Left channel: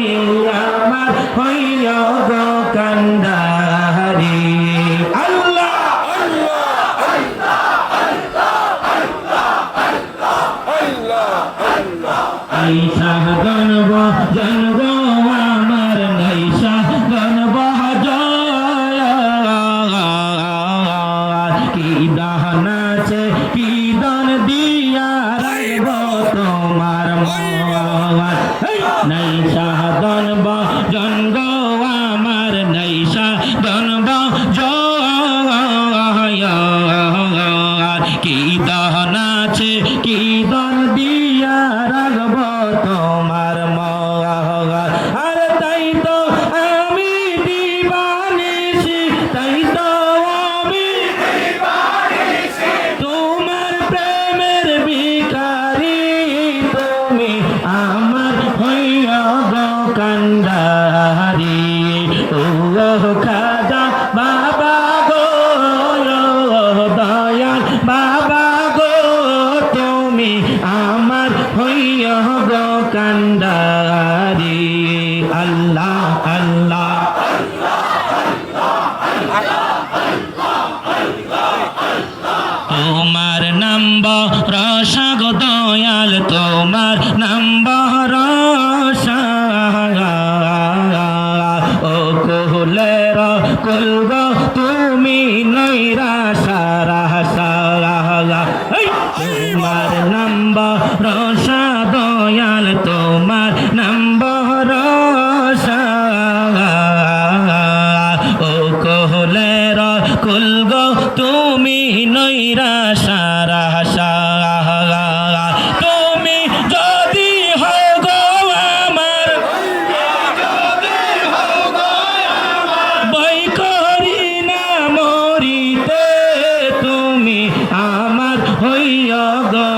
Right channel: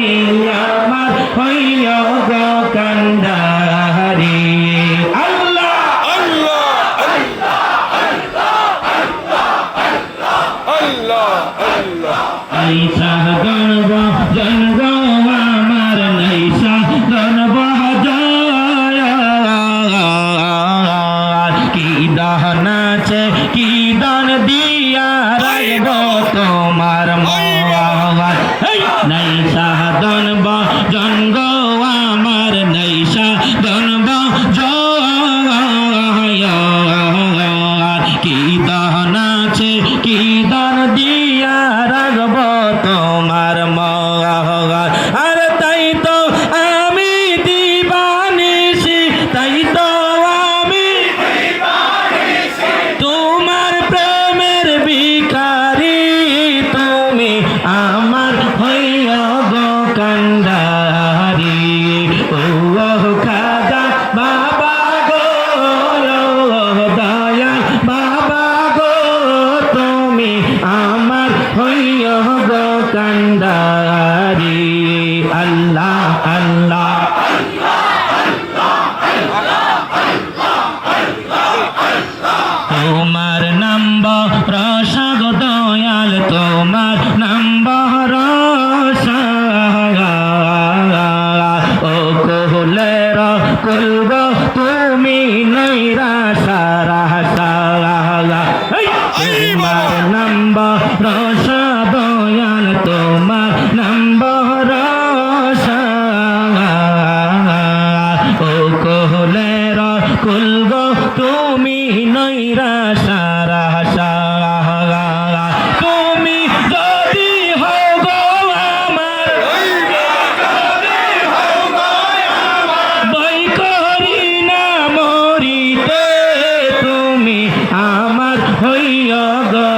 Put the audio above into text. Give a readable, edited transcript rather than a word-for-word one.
তুমি আমার হইয়া গো কান্ডারি আল্লাহ আল্লাহ আল্লাহ আল্লাহ ঈশা গণব জনগ আমার নাইশা গণব জয় কি দান আছে কি দান দিয়া রাইব তোমার নাইশা গণব জনগ আমার নাইশা গণব জয় কি দান আছে কি দান দিয়া রাখব তোমার আর তাই তো আমি দিবানিসি তাই তো আমি তোমার প্রেমের ভিখারি তুমি আমার হইয়া গো কান্ডারি ও খাজা বাবা গো দয়া বাবা গো তুমি আমার হইয়া গো কান্ডারি আল্লাহ আল্লাহ তোমার নাম্বার রসা গো দয়াল তোমার নাম্বার রসা ও কোহলের কুলব তুমি নৈরা সারা সারা তোমার নাম্বার রসা দয়াল তোমার নাম্বার রসা ও কোহলের কুলব তুমি নৈরা সারা সারা তুমি যদি হও গো আমার বই করি না মরিতে তুমি আমার হইয়া গো